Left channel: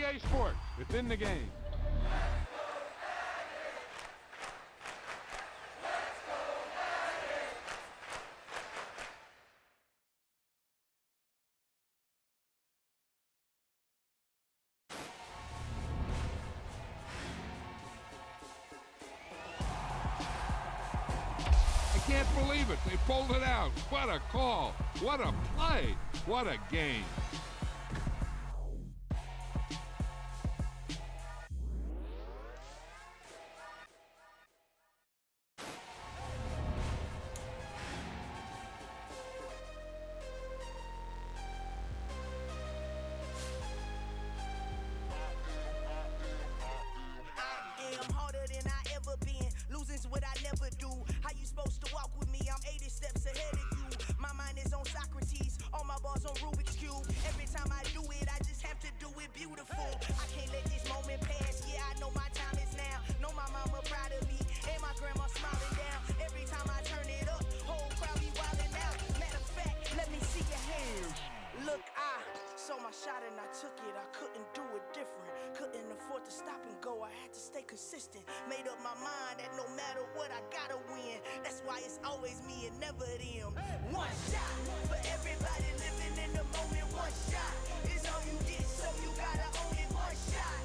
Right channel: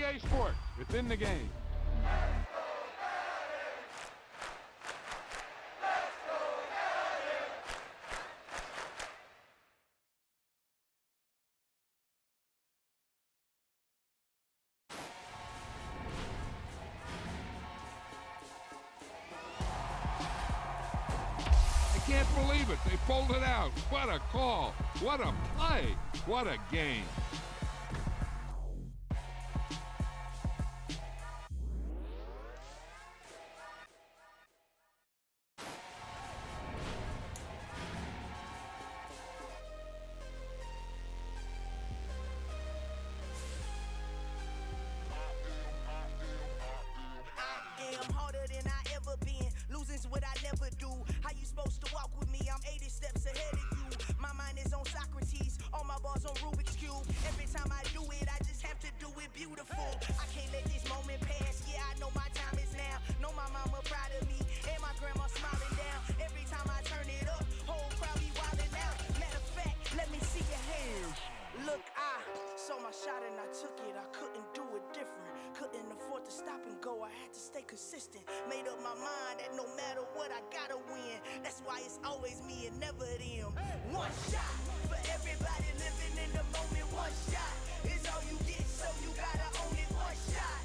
EA Sports. It's in the game. I can't believe it. They pulled it out. What a call. What a play. What a game. I'm harder than I ever been. Losing's what I never do. How you supposed to walk with me? I'm 80 steps ahead of you. My mind is on Socrates, all my bars on Rubik's Cube. Every time I do it, I just have to do it beautiful. I can't let this moment pass. Yeah, I know my time is now. Know my mama proud of me, and my grandma smiling down. Every time I turn it up, whole crowd be wildin' out. Matter of fact, let me see your hands. Look, I saw my shot and I took it. I couldn't do it different. Couldn't afford to stop and go. I had to stay consistent. Made up my mind that no matter what, I gotta win. That's why it's always me and never them. One shot for everybody living in the moment. One shot is all you get, so you gotta own it. One shot.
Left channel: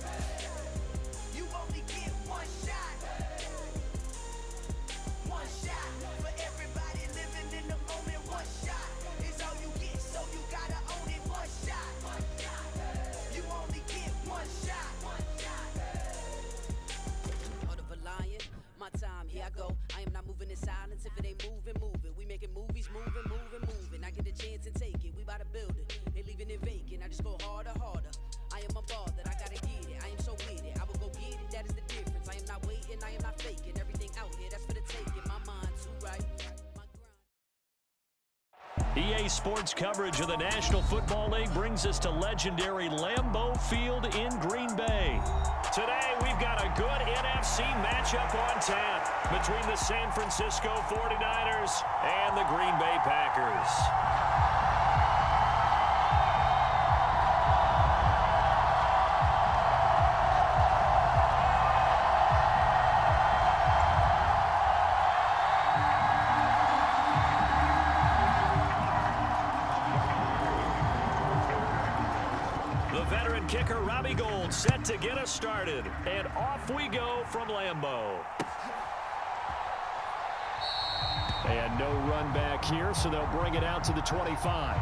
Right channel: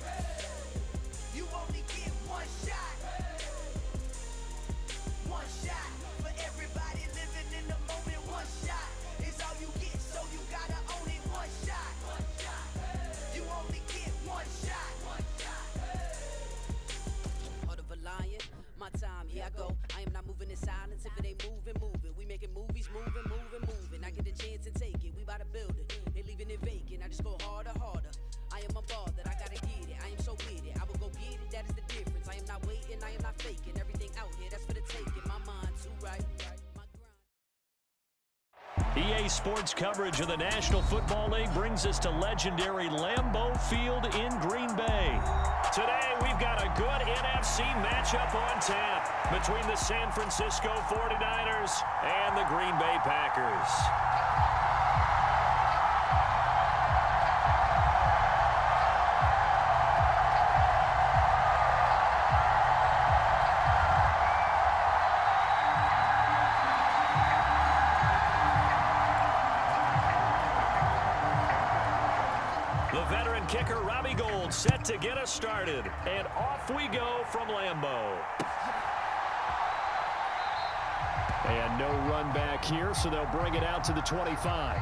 You only get one shot. One shot for everybody living in the moment. One shot is all you get, so you gotta own it. One shot. You only get one shot. Heart of a lion, my time, here I go. I am not moving in silence. If it ain't moving, move it. We making movies, moving, moving, moving. I get a chance and take it. We bout to build it. They leaving it vacant. I just go harder, harder. I am a ball that I gotta get it. I am so with it. I will go get it. That is the difference. I am not waiting. I am not faking. Everything out here, that's for the taking. My mind too right. EA Sports coverage of the National Football League brings us to legendary Lambeau Field in Green Bay. Today, we've got a good NFC matchup on tap between the San Francisco 49ers and the Green Bay Packers. The veteran kicker, Robbie Gould, set to get us started. And off we go from Lambeau. And no run back here, so they'll bring it out to the 25.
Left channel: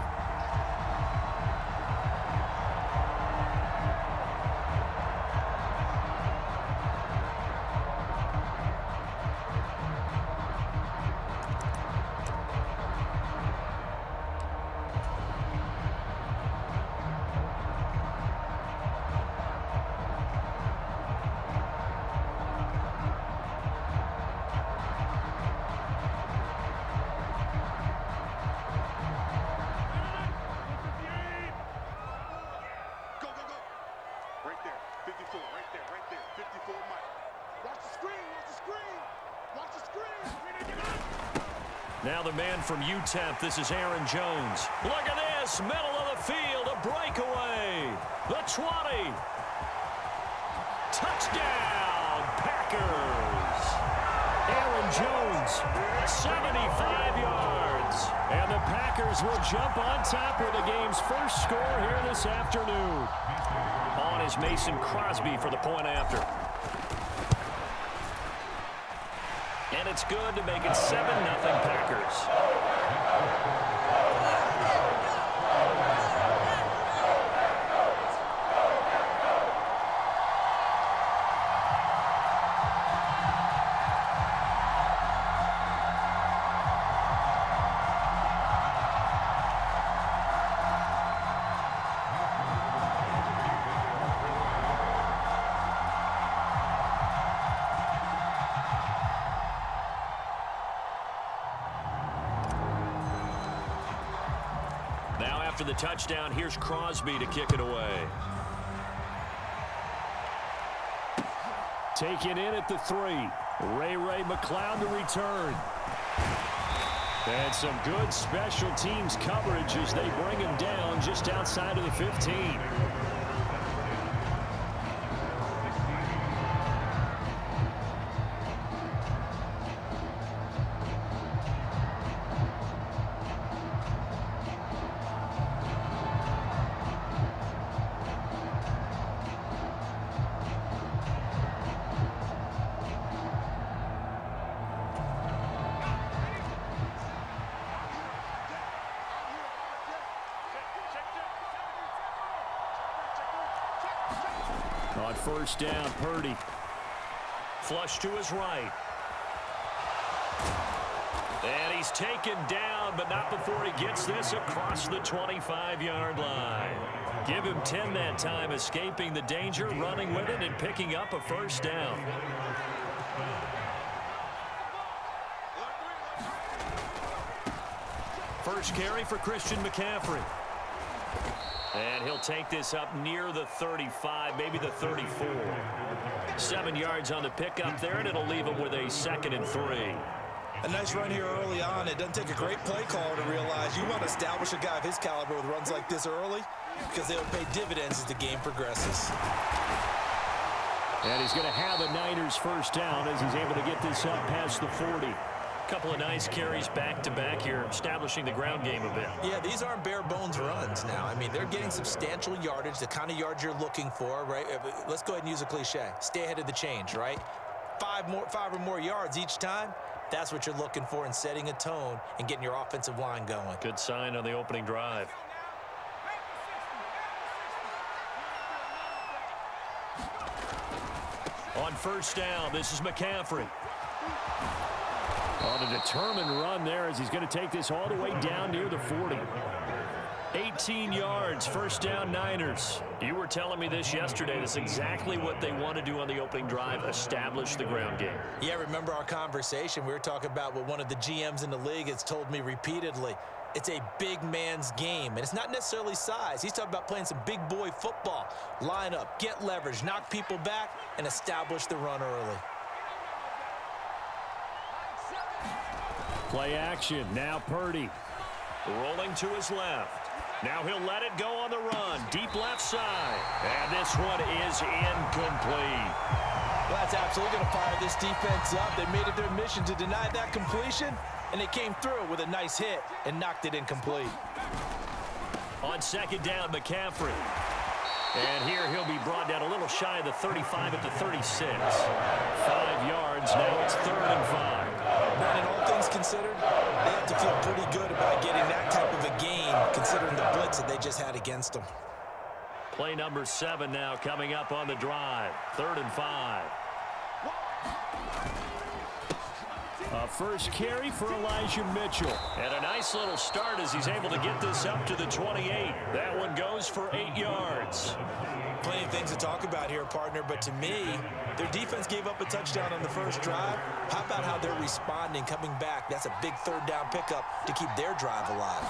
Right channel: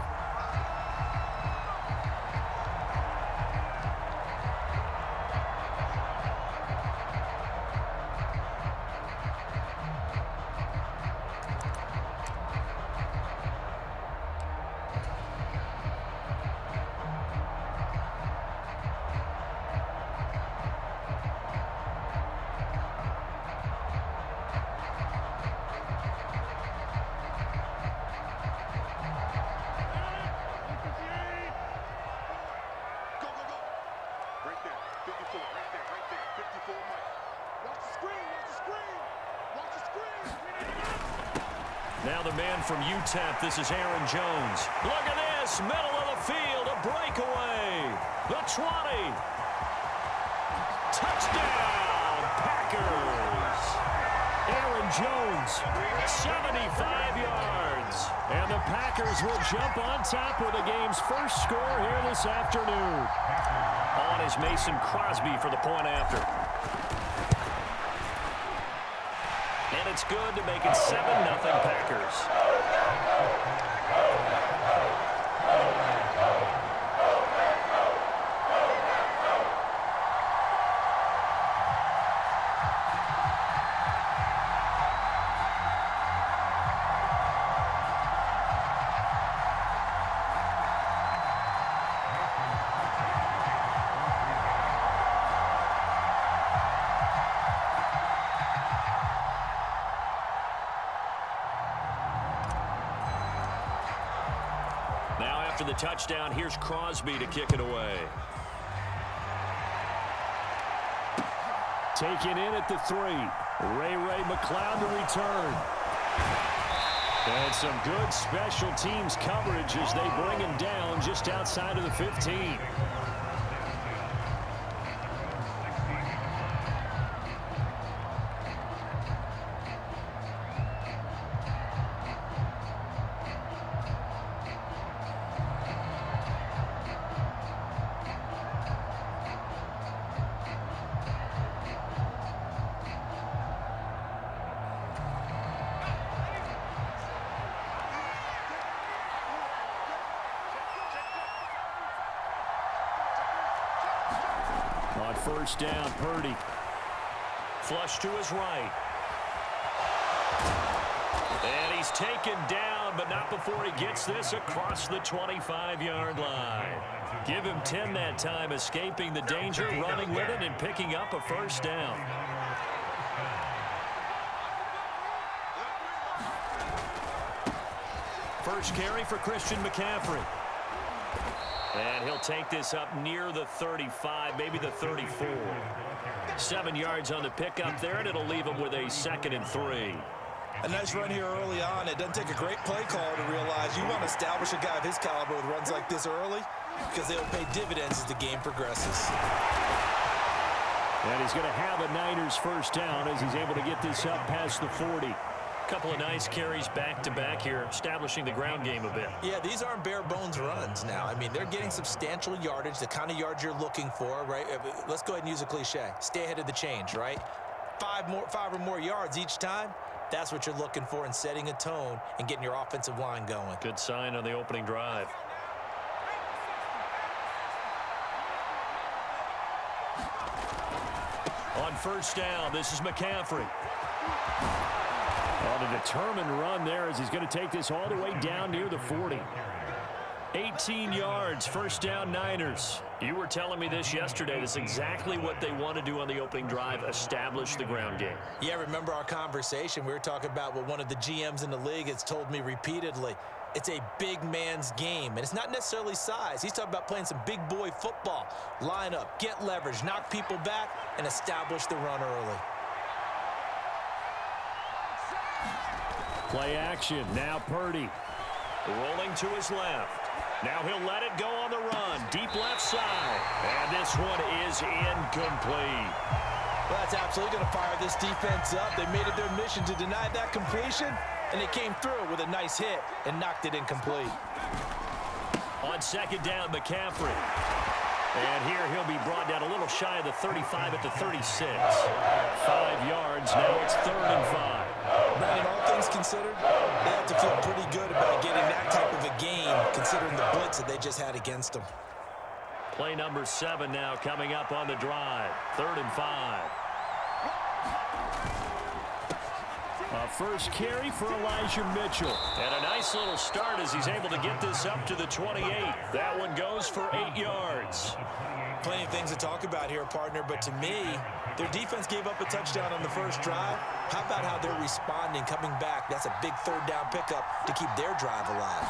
Now the man from UTEP, this is Aaron Jones. Look at this, middle of the field, a breakaway. The 20. Touchdown, Packers. Aaron Jones, 75 yards. And the Packers will jump on top with the game's first score here this afternoon. On is Mason Crosby for the point after. And it's good to make it 7-0 Packers. Now after the touchdown, here's Crosby to kick it away. Taken in at the 3. Ray McCloud to return. And some good special teams coverage as they bring him down just outside of the 15. On first down, Purdy. Flush to his right. And he's taken down, but not before he gets this across the 25-yard line. Give him 10 that time, escaping the danger, running with it, and picking up a first down. First carry for Christian McCaffrey. And he'll take this up near the 35, maybe the 34. 7 yards on the pickup there, and it'll leave him with a 2nd and 3. A nice run here early on. It doesn't take a great play caller to realize you want to establish a guy of his caliber with runs like this early because they'll pay dividends as the game progresses. And he's going to have a Niners first down as he's able to get this up past the 40. Couple of nice carries back-to-back here, establishing the ground game a bit. Yeah, these aren't bare-bones runs now. I mean, they're getting substantial yardage, the kind of yards you're looking for, right? Let's go ahead and use a cliche. Stay ahead of the change, right? 5 or more yards each time. That's what you're looking for in setting a tone and getting your offensive line going. Good sign on the opening drive. On first down, this is McCaffrey. On a determined run there as he's going to take this all the way down near the 40. 18 yards, first down Niners. You were telling me this yesterday. That's exactly what they want to do on the opening drive, establish the ground game. Yeah, remember our conversation? We were talking about what one of the GMs in the league has told me repeatedly. It's a big man's game, and it's not necessarily size. He's talking about playing some big boy football. Line up, get leverage, knock people back, and establish the run early. Play action, now Purdy. Rolling to his left. Now he'll let it go on the run. Deep left side. And this one is incomplete. Well, that's absolutely going to fire this defense up. They made it their mission to deny that completion, and they came through with a nice hit and knocked it incomplete. On second down, McCaffrey. And here he'll be brought down a little shy of the 35 at the 36. 5 yards, now it's 3rd and 5. Brandon, all things considered, they have to feel pretty good about getting that type of a game, considering the blitz that they just had against them. Play number 7 now coming up on the drive. 3rd and 5. A first carry for Elijah Mitchell. And a nice little start as he's able to get this up to the 28. That one goes for 8 yards. Plenty of things to talk about here, partner, but to me, their defense gave up a touchdown on the first drive. How about how they're responding, coming back? That's a big 3rd down pickup to keep their drive alive.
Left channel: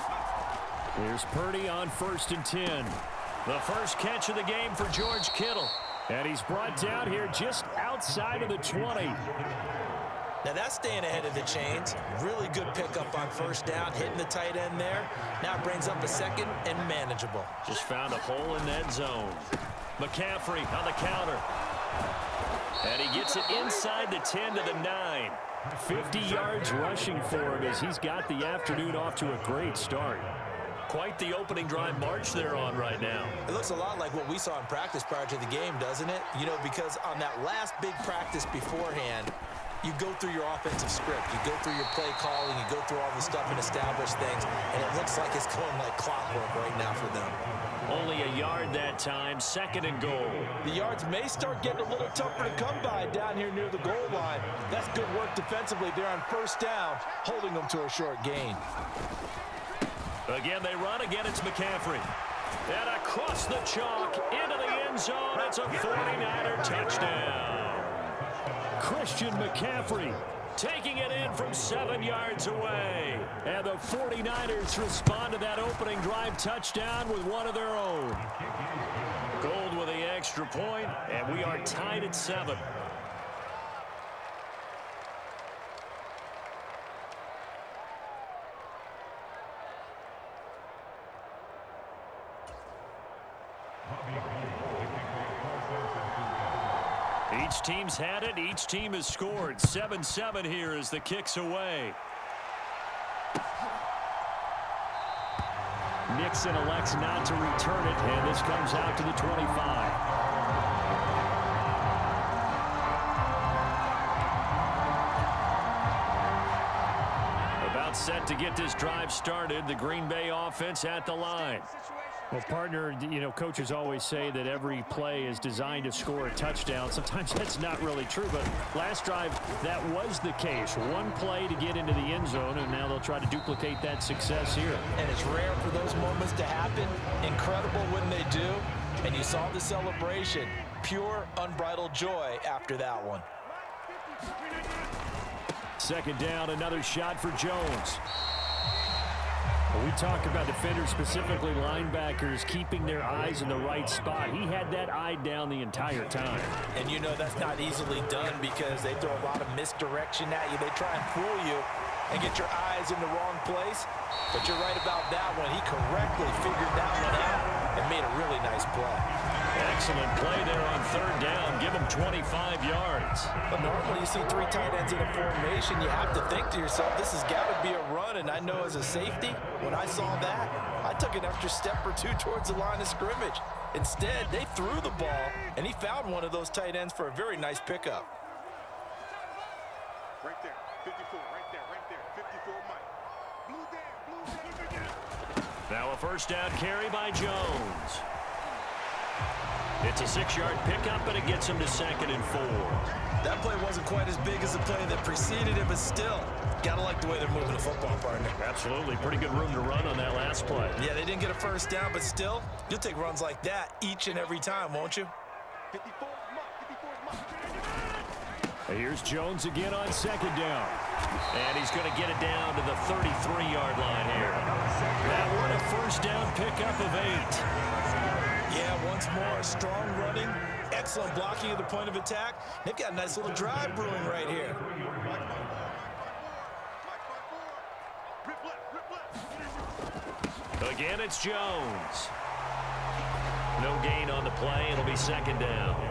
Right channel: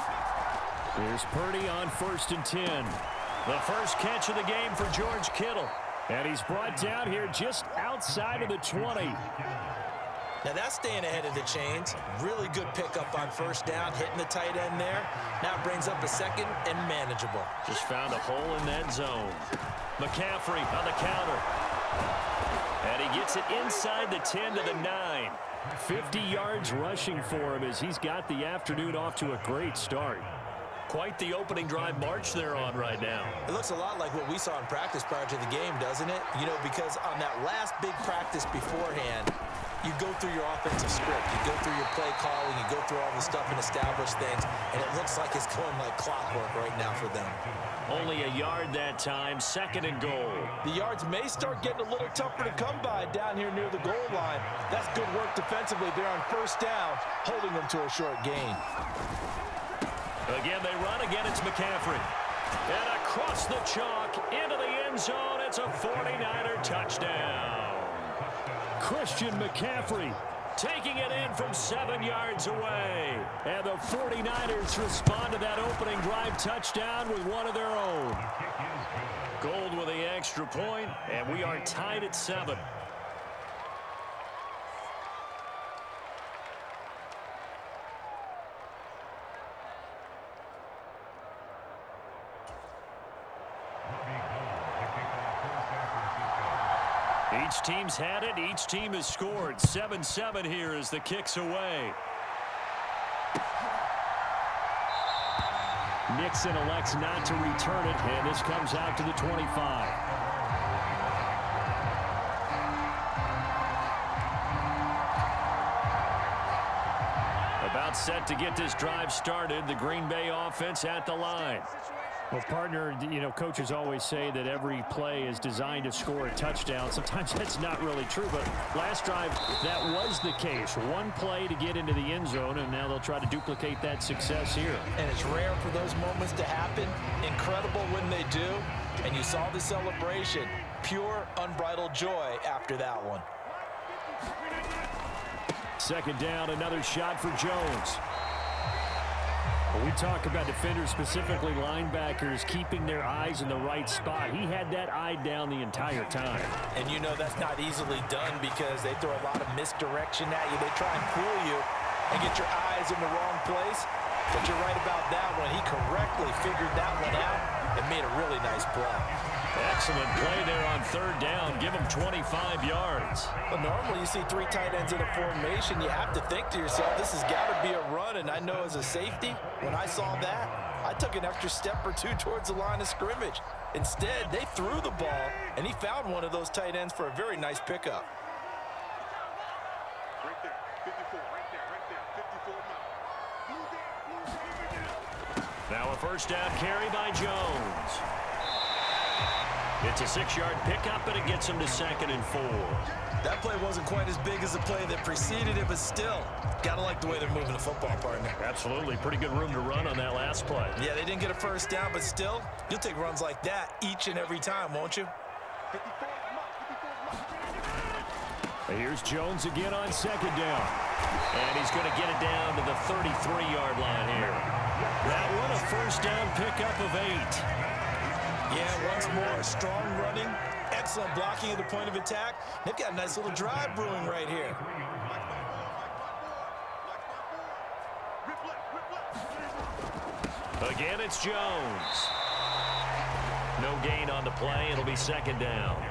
Here's Purdy on 1st and 10. The first catch of the game for George Kittle. And he's brought down here just outside of the 20. Now that's staying ahead of the chains. Really good pickup on first down, hitting the tight end there. Now it brings up a 2nd and manageable. Just found a hole in that zone. McCaffrey on the counter. And he gets it inside the 10 to the 9. 50 yards rushing for him as he's got the afternoon off to a great start. Quite the opening drive march they're on right now. It looks a lot like what we saw in practice prior to the game, doesn't it? You know, because on that last big practice beforehand, you go through your offensive script. You go through your play calling. You go through all the stuff and establish things. And it looks like it's going like clockwork right now for them. Only a yard that time, 2nd and goal. The yards may start getting a little tougher to come by down here near the goal line. That's good work defensively. They're on first down, holding them to a short gain. Again, they run. Again, it's McCaffrey. And across the chalk, into the end zone. It's a 49er touchdown. Christian McCaffrey taking it in from 7 yards away. And the 49ers respond to that opening drive touchdown with one of their own. Gold with the extra point, and we are tied at 7. Each team's had it. Each team has scored. 7-7 here as the kick's away. Nixon elects not to return it, and this comes out to the 25. About set to get this drive started. The Green Bay offense at the line. Well, partner, you know, coaches always say that every play is designed to score a touchdown. Sometimes that's not really true, but last drive, that was the case. One play to get into the end zone, and now they'll try to duplicate that success here. And it's rare for those moments to happen. Incredible when they do. And you saw the celebration. Pure, unbridled joy after that one. Second down, another shot for Jones. When we talk about defenders, specifically linebackers, keeping their eyes in the right spot, he had that eye down the entire time. And you know that's not easily done because they throw a lot of misdirection at you. They try and fool you and get your eyes in the wrong place. But you're right about that one. He correctly figured that one out and made a really nice play. Excellent play there on third down. Give him 25 yards. But normally you see three tight ends in a formation. You have to think to yourself, this has got to be a run. And I know as a safety, when I saw that, I took an extra step or two towards the line of scrimmage. Instead, they threw the ball, and he found one of those tight ends for a very nice pickup. Right there, 54, right there, 54, Mike. Blue down. Now a first down carry by Jones. It's a 6-yard pickup, but it gets him to 2nd and 4. That play wasn't quite as big as the play that preceded it, but still, got to like the way they're moving the football, partner. Absolutely. Pretty good room to run on that last play. Yeah, they didn't get a first down, but still, you'll take runs like that each and every time, won't you? 54 Mike. Here's Jones again on 2nd down. And he's going to get it down to the 33-yard line here. That one, a first down pickup of 8. Yeah, once more, strong running, excellent blocking at the point of attack. They've got a nice little drive brewing right here. Again, it's Jones. No gain on the play. It'll be 2nd down.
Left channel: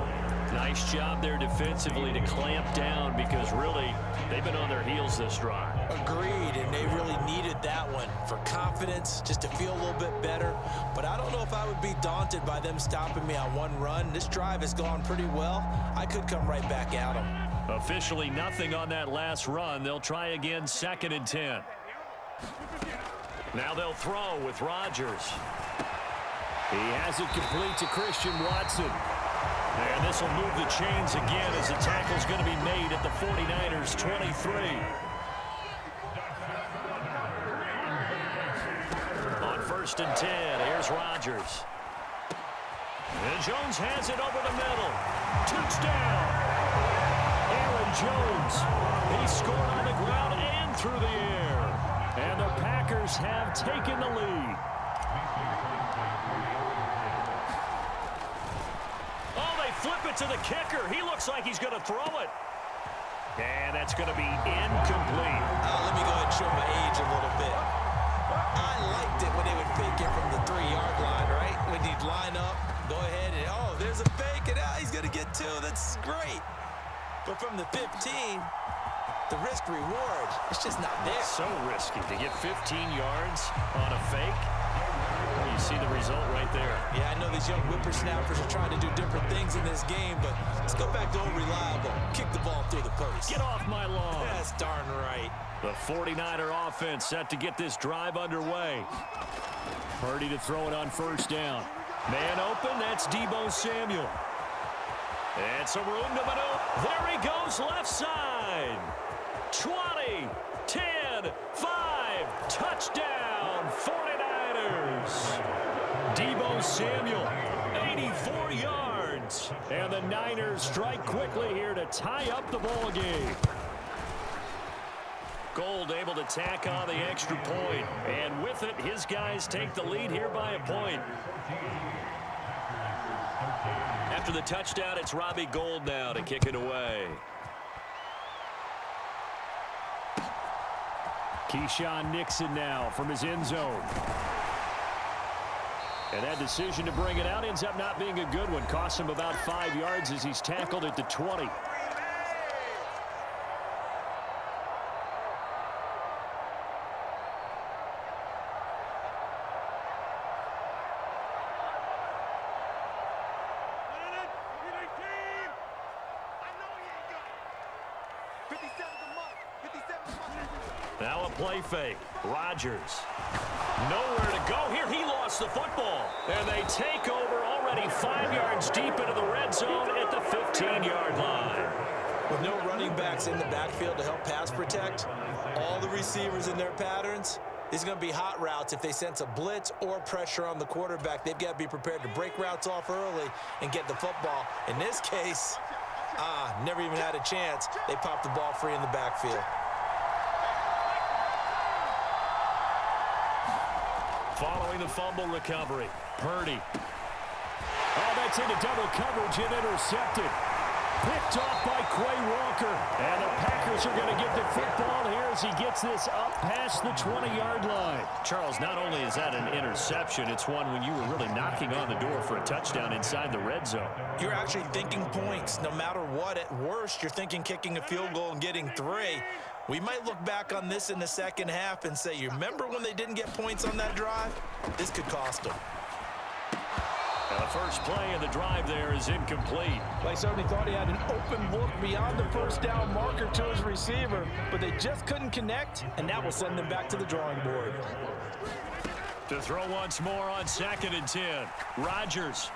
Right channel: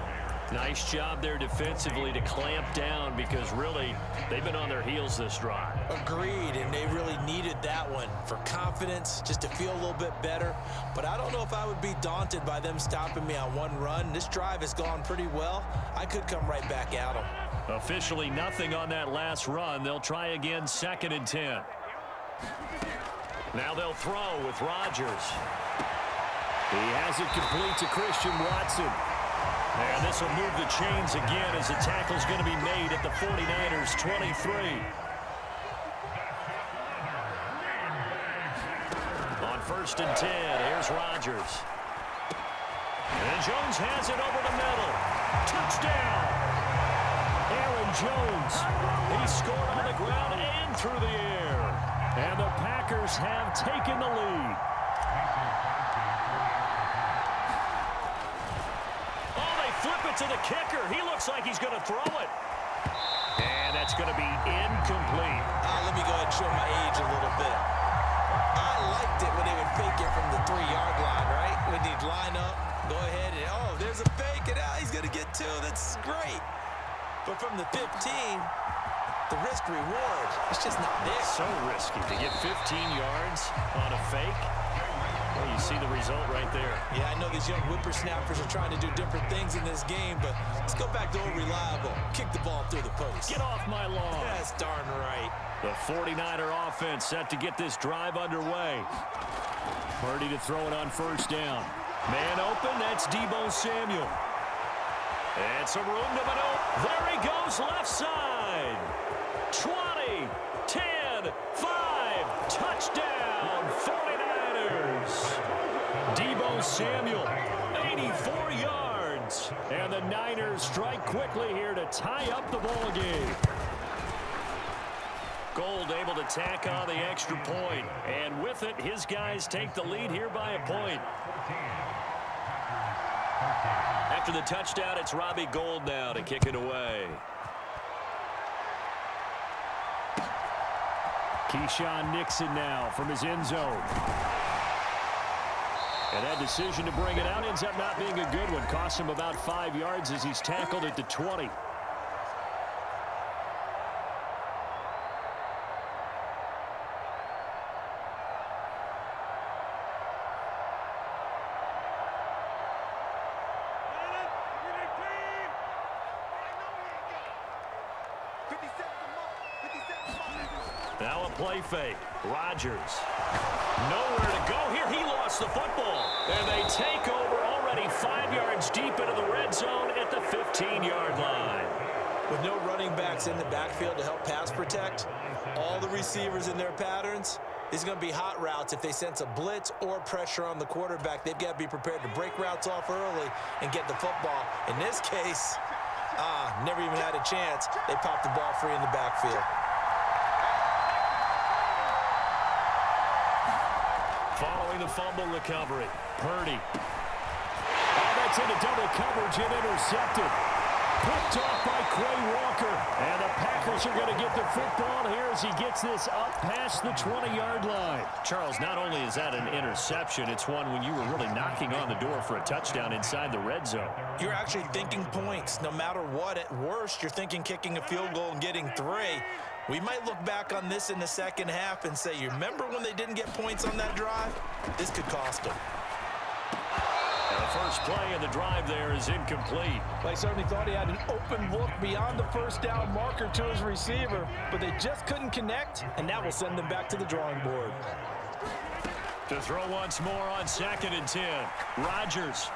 Nice job there defensively to clamp down because really they've been on their heels this drive. Agreed, and they really needed that one for confidence, just to feel a little bit better. But I don't know if I would be daunted by them stopping me on one run. This drive has gone pretty well. I could come right back at them. Officially nothing on that last run. They'll try again, 2nd and 10. Now they'll throw with Rodgers. He has it complete to Christian Watson. And this will move the chains again as the tackle's going to be made at the 49ers 23. On 1st and 10, here's Rodgers. And Jones has it over the middle. Touchdown! Aaron Jones. He scored on the ground and through the air. And the Packers have taken the lead. Flip it to the kicker. He looks like he's going to throw it. And that's going to be incomplete. Let me go ahead and show my age a little bit. I liked it when they would fake it from the 3-yard line, right? When he'd line up, go ahead and, oh, there's a fake, and he's going to get 2. That's great. But from the 15, the risk-reward, it's just not there. So risky to get 15 yards on a fake. Well, you see the result right there. Yeah, I know these young whippersnappers are trying to do different things in this game, but let's go back to old reliable. Kick the ball through the post. Get off my lawn. That's darn right. The 49er offense set to get this drive underway. Purdy to throw it on 1st down. Man open, that's Deebo Samuel. And some room to maneuver. There he goes, left side. 20, 10, 5, touchdown, 49ers. Deebo Samuel, 84 yards. And the Niners strike quickly here to tie up the ball game. Gold able to tack on the extra point. And with it, his guys take the lead here by a point. After the touchdown, it's Robbie Gould now to kick it away. Keyshawn Nixon now from his end zone. And that decision to bring it out ends up not being a good one. Costs him about 5 yards as he's tackled at the 20. Now a play fake. Rodgers. Nowhere to go here. He lost the football. And they take over already 5 yards deep into the red zone at the 15-yard line. With no running backs in the backfield to help pass protect, all the receivers in their patterns, these are going to be hot routes. If they sense a blitz or pressure on the quarterback, they've got to be prepared to break routes off early and get the football. In this case, never even had a chance. They popped the ball free in the backfield. Following the fumble recovery, Purdy. Oh, that's into double coverage and intercepted. Picked off by Quay Walker. And the Packers are going to get the football here as he gets this up past the 20-yard line. Charles, not only is that an interception, it's one when you were really knocking on the door for a touchdown inside the red zone. You're actually thinking points. No matter what, at worst, you're thinking kicking a field goal and getting 3. We might look back on this in the second half and say, you remember when they didn't get points on that drive? This could cost them. And the first play of the drive there is incomplete. They certainly thought he had an open look beyond the first down marker to his receiver, but they just couldn't connect, and that will send them back to the drawing board. To throw once more on 2nd and 10. Rodgers.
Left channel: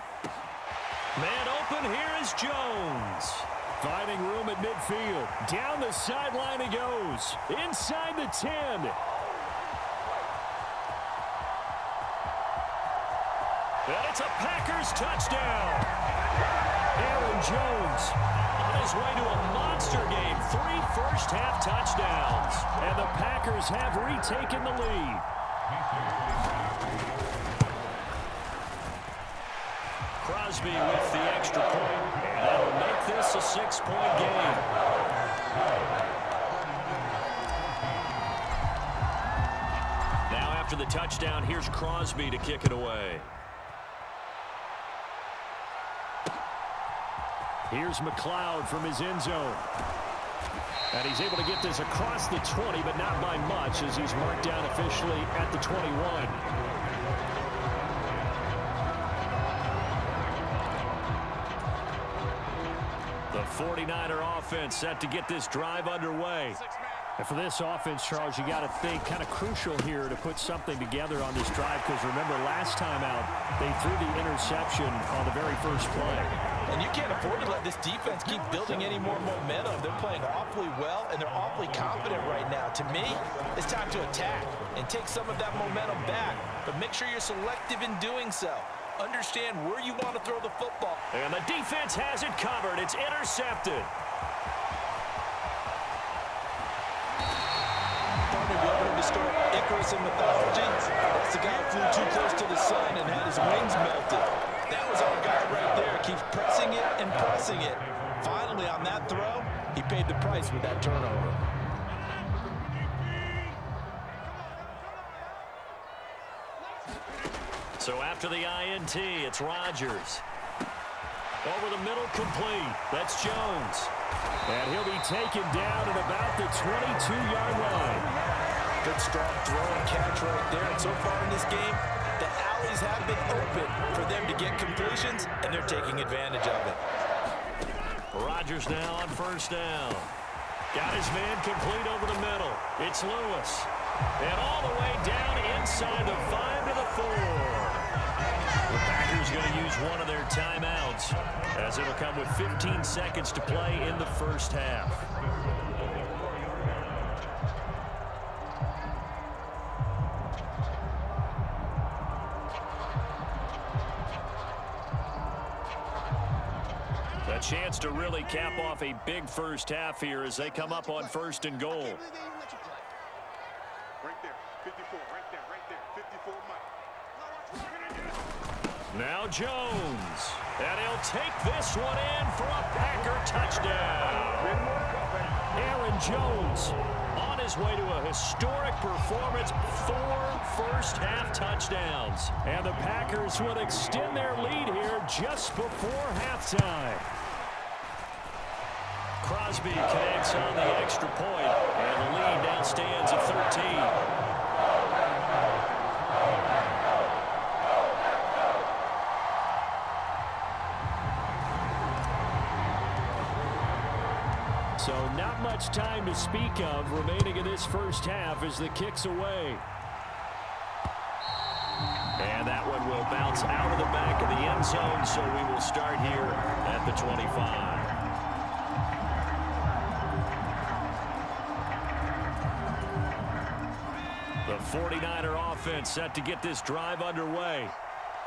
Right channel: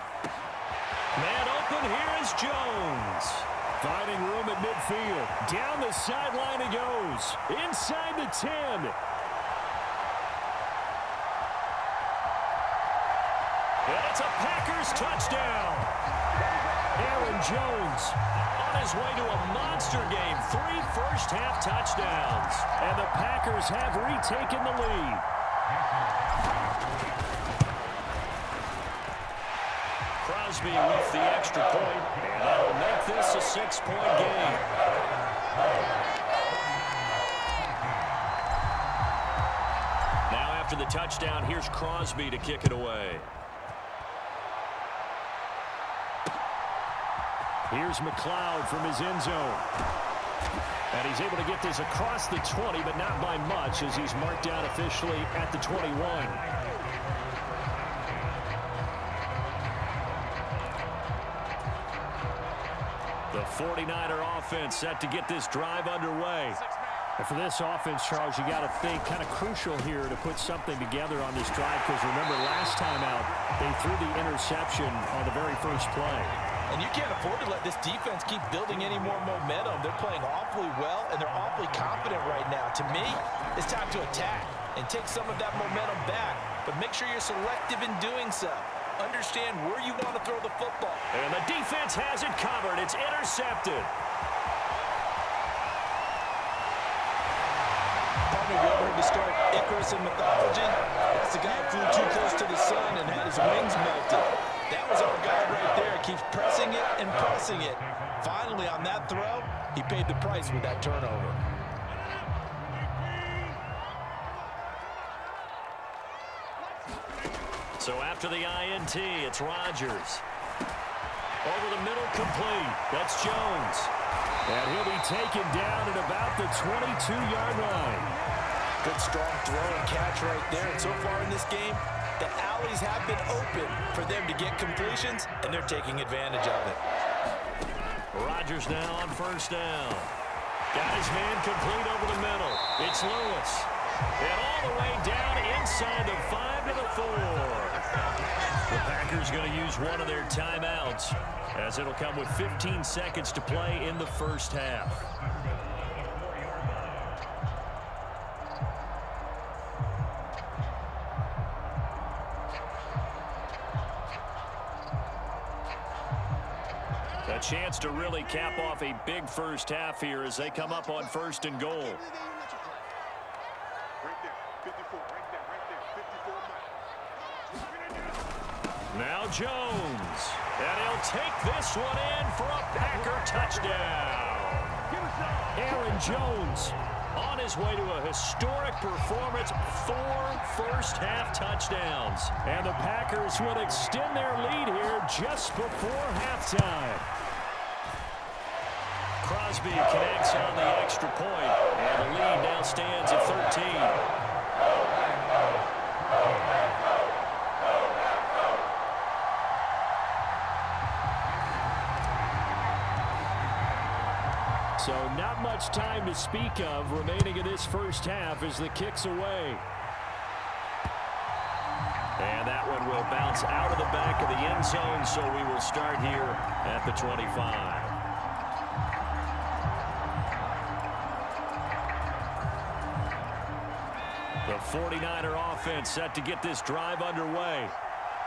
Man open, here is Jones. Finding room at midfield. Down the sideline he goes. Inside the 10. And it's a Packers touchdown. Aaron Jones on his way to a monster game. 3 first-half touchdowns. And the Packers have retaken the lead. Crosby with the extra point, and that'll make this a 6-point game. Now after the touchdown, here's Crosby to kick it away. Here's McLeod from his end zone. And he's able to get this across the 20, but not by much as he's marked down officially at the 21. The 49er offense set to get this drive underway. And for this offense, Charles, you got to think kind of crucial here to put something together on this drive because remember last time out they threw the interception on the very first play. And you can't afford to let this defense keep building any more momentum. They're playing awfully well, and they're awfully confident right now. To me, it's time to attack and take some of that momentum back, but make sure you're selective in doing so. Understand where you want to throw the football. And the defense has it covered. It's intercepted. Partner, have you ever heard the story of Icarus in mythology? That's the guy who flew too close to the sun and had his wings melted. That was our guy right there. Keeps pressing it and pressing it. Finally, on that throw, he paid the price with that turnover. So after the INT, it's Rodgers. Over the middle, complete. That's Jones. And he'll be taken down at about the 22-yard line. Good strong throw and catch right there. And so far in this game, the alleys have been open for them to get completions, and they're taking advantage of it. Rodgers now on first down. Got his man complete over the middle. It's Lewis. And all the way down inside the 5 to the 4. The Packers going to use one of their timeouts as it'll come with 15 seconds to play in the first half. A chance to really cap off a big first half here as they come up on 1st and goal. Right there, 54, right there, 54 Mike. Now Jones. And he'll take this one in for a Packer touchdown. Aaron Jones on his way to a historic performance, 4 first-half touchdowns. And the Packers would extend their lead here just before halftime. Crosby connects on the extra point, and the lead now stands at 13. So not much time to speak of remaining in this first half as the kick's away. and will bounce out of the back of the end zone, so we will start here at the 25. The 49er offense set to get this drive underway.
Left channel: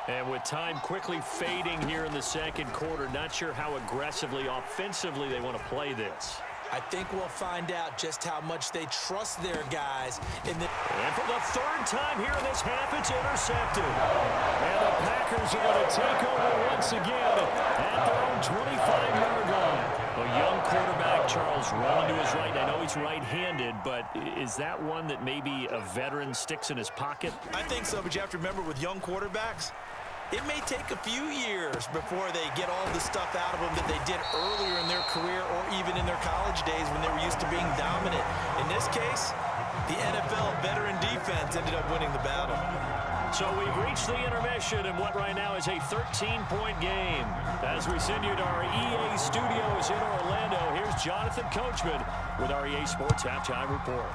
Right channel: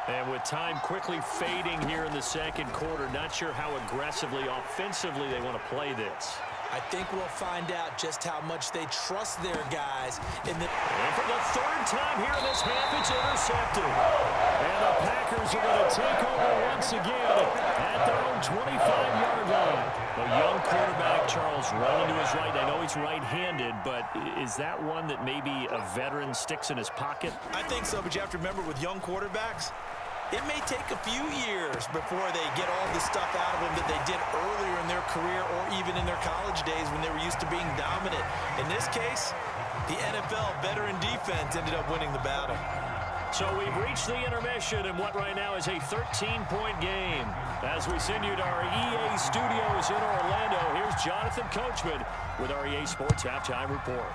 And with time quickly fading here in the second quarter, not sure how aggressively, offensively they want to play this. I think we'll find out just how much they trust their guys in the... And for the third time here in this half, it's intercepted. And the Packers are going to take over once again at their own 25-yard line. A young quarterback, Charles, rolling to his right. I know he's right-handed, but is that one that maybe a veteran sticks in his pocket? I think so, but you have to remember with young quarterbacks, it may take a few years before they get all the stuff out of them that they did earlier in their career or even in their college days when they were used to being dominant. In this case, the NFL veteran defense ended up winning the battle. So we've reached the intermission in what right now is a 13-point game. As we send you to our EA studios in Orlando, here's Jonathan Coachman with our EA Sports Halftime Report.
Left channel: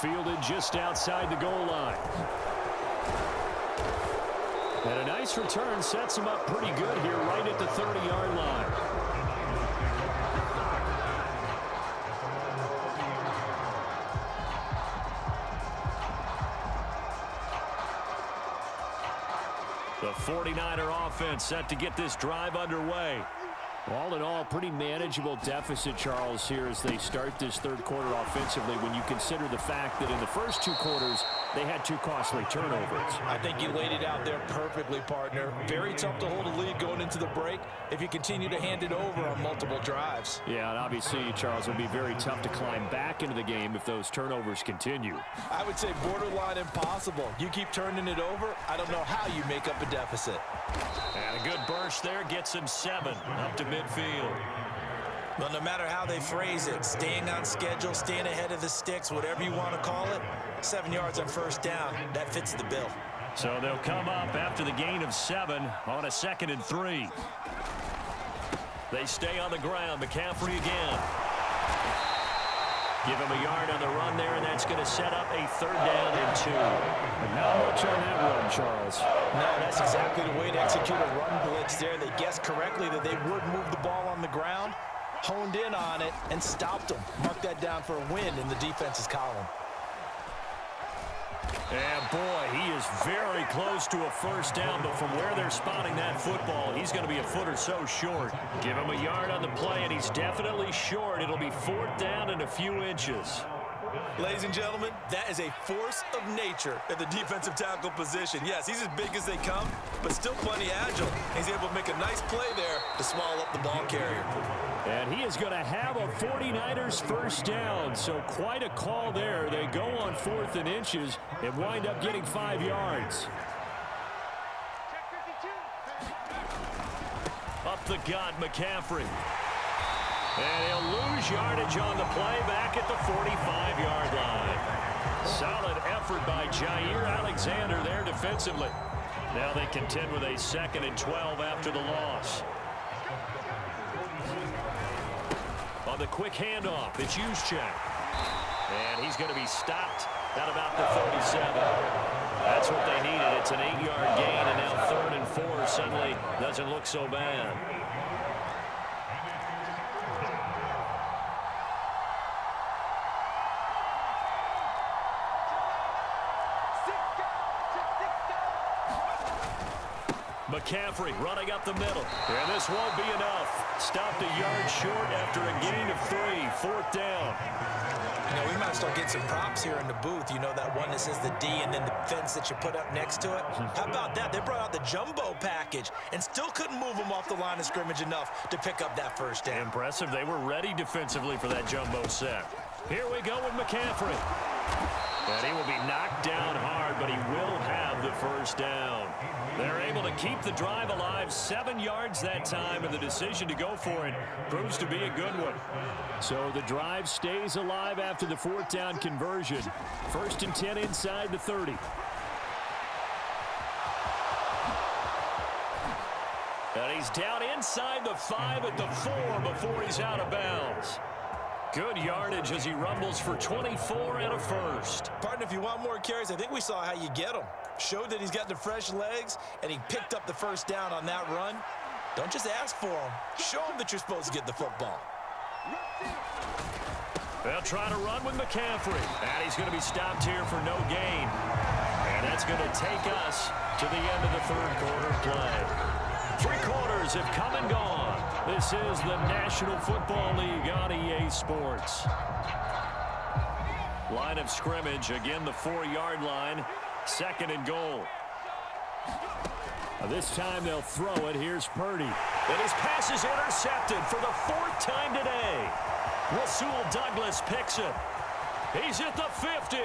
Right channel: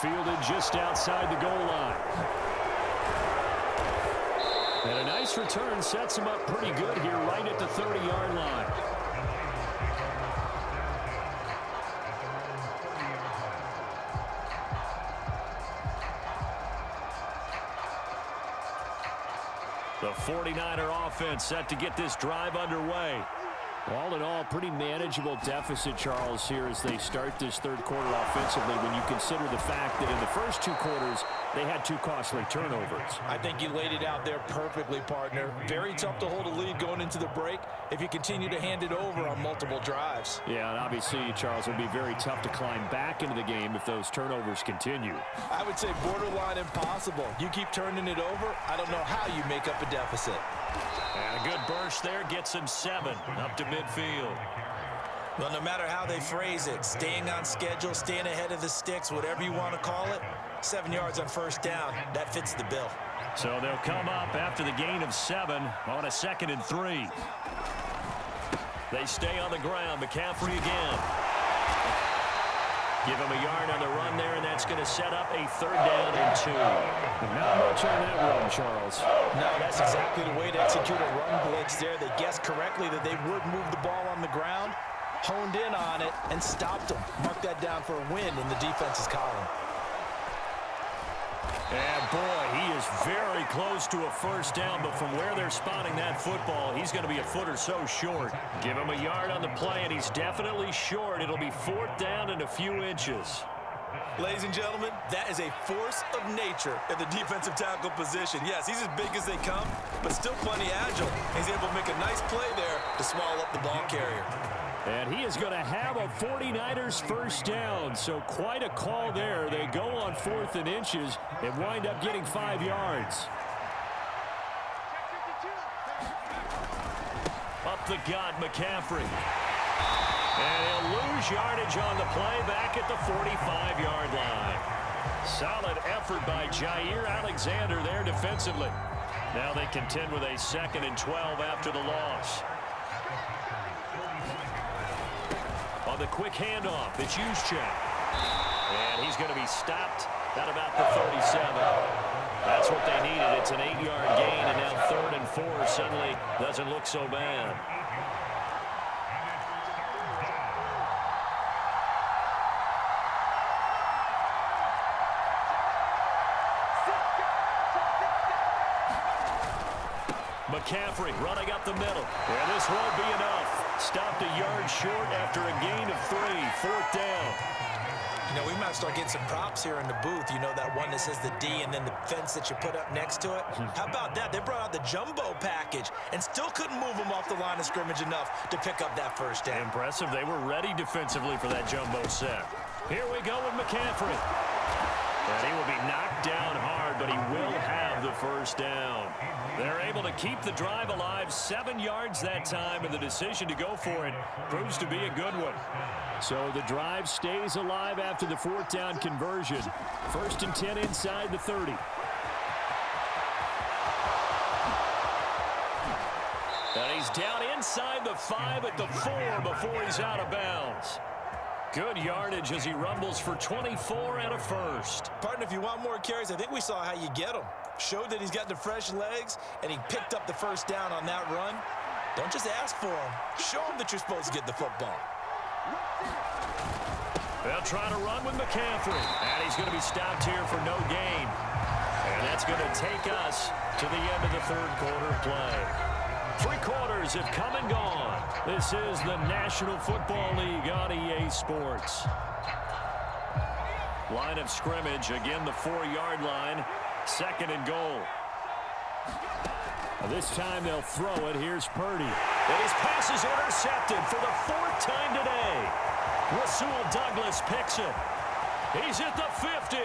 Fielded just outside the goal line. And a nice return sets him up pretty good here right at the 30-yard line. The 49er offense set to get this drive underway. All in all, pretty manageable deficit, Charles, here as they start this third quarter offensively when you consider the fact that in the first two quarters, they had two costly turnovers. I think you laid it out there perfectly, partner. Very tough to hold a lead going into the break if you continue to hand it over on multiple drives. Yeah, and obviously, Charles, it would be very tough to climb back into the game if those turnovers continue. I would say borderline impossible. You keep turning it over, I don't know how you make up a deficit. And a good burst there gets him 7 up to midfield. Well, no matter how they phrase it, staying on schedule, staying ahead of the sticks, whatever you want to call it, 7 yards on first down, that fits the bill. So they'll come up after the gain of 7 on a 2nd and 3. They stay on the ground. McCaffrey again. Give him a yard on the run there, and that's going to set up a 3rd down and 2. And not much on that run, Charles. No, that's exactly the way to execute a run blitz there. They guessed correctly that they would move the ball on the ground, honed in on it, and stopped them. Mark that down for a win in the defense's column. And boy, he is very close to a 1st down, but from where they're spotting that football, he's going to be a foot or so short. Give him a yard on the play, and he's definitely short. It'll be 4th down and a few inches. Ladies and gentlemen, that is a force of nature at the defensive tackle position. Yes, he's as big as they come, but still plenty agile. He's able to make a nice play there to swallow up the ball carrier. And he is going to have a 49ers 1st down, so quite a call there. They go on 4th and inches and wind up getting 5 yards. Up the gut, McCaffrey. And he'll lose yardage on the play back at the 45-yard line. Solid effort by Jair Alexander there defensively. Now they contend with a 2nd and 12 after the loss. On the quick handoff, it's Juszczyk. And he's going to be stopped at about the 37. That's what they needed. It's an 8-yard gain, and now 3rd and 4 suddenly doesn't look so bad. McCaffrey running up the middle. And this won't be enough. Stopped a yard short after a gain of 3. 4th down. You know, we might start getting some props here in the booth. You know, that one that says the D and then the fence that you put up next to it? How about that? They brought out the jumbo package and still couldn't move them off the line of scrimmage enough to pick up that 1st down. Impressive. They were ready defensively for that jumbo set. Here we go with McCaffrey. And he will be knocked down hard, but he will have the 1st down. They're able to keep the drive alive, 7 yards that time, and the decision to go for it proves to be a good one. So the drive stays alive after the 4th down conversion. 1st and 10 inside the 30. And he's down inside the 5 at the 4 before he's out of bounds. Good yardage as he rumbles for 24 and a first. Partner, if you want more carries, I think we saw how you get them. Showed that he's got the fresh legs, and he picked up the first down on that run. Don't just ask for him. Show him that you're supposed to get the football. They'll try to run with McCaffrey. And he's going to be stopped here for no gain. And that's going to take us to the end of the third quarter play. 3 quarters have come and gone. This is the National Football League on EA Sports. Line of scrimmage, again the 4-yard line. 2nd and goal. This time they'll throw it. Here's Purdy. And his pass is intercepted for the 4th time today. Rasul Douglas picks it. He's at the 50.